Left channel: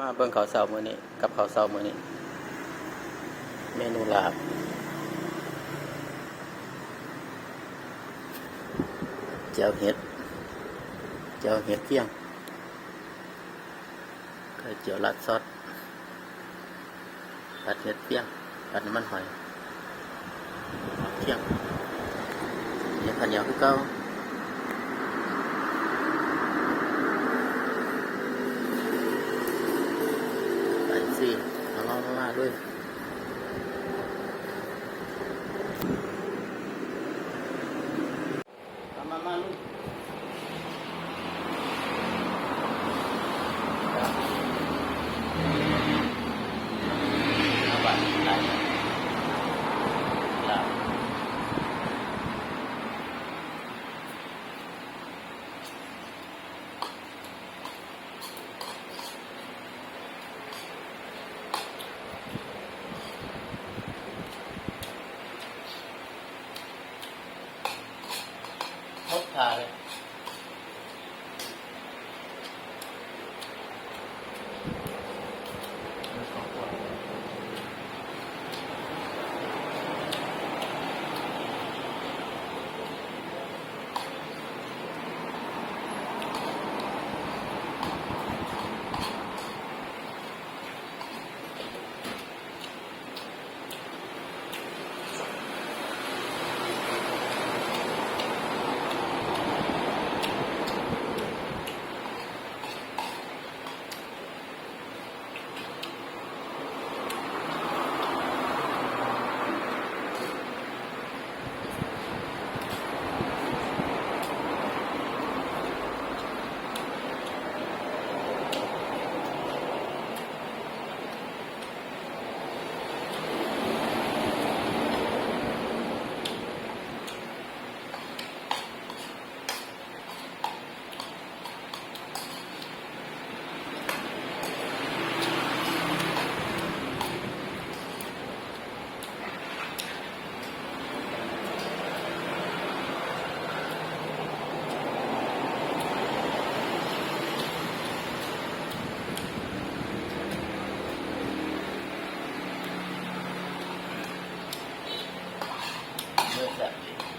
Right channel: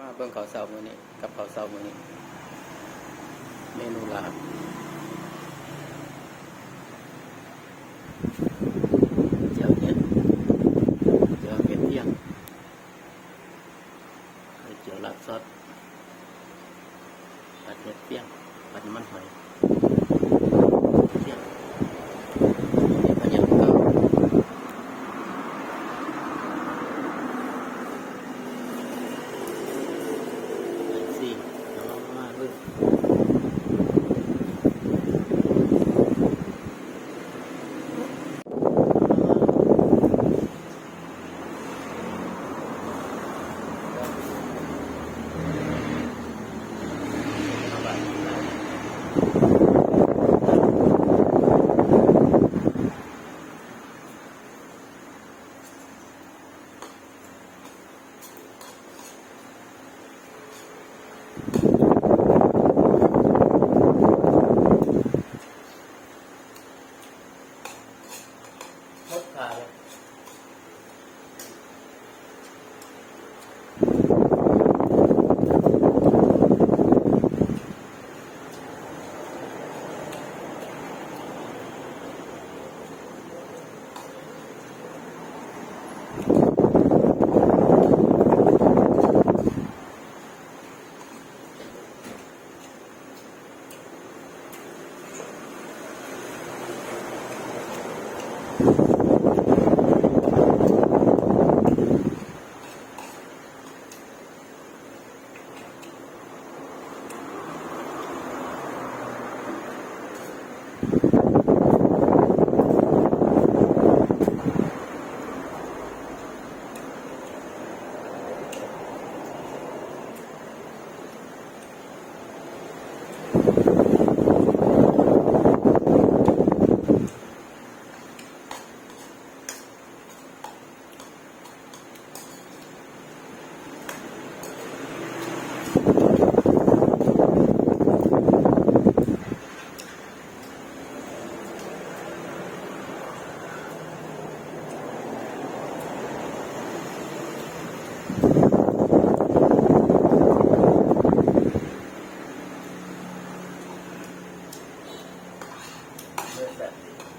มาเบิ่งข้าวเช้ามื้อนี้กับข้าวเช้ามื้อนี้ เมนูลาบเจียวเห็ดเจียวเห็ดเที่ยงไข่เจียวรัดซอสผัดเห็ดเที่ยงผัดน้ำมันหอย 啊 with them.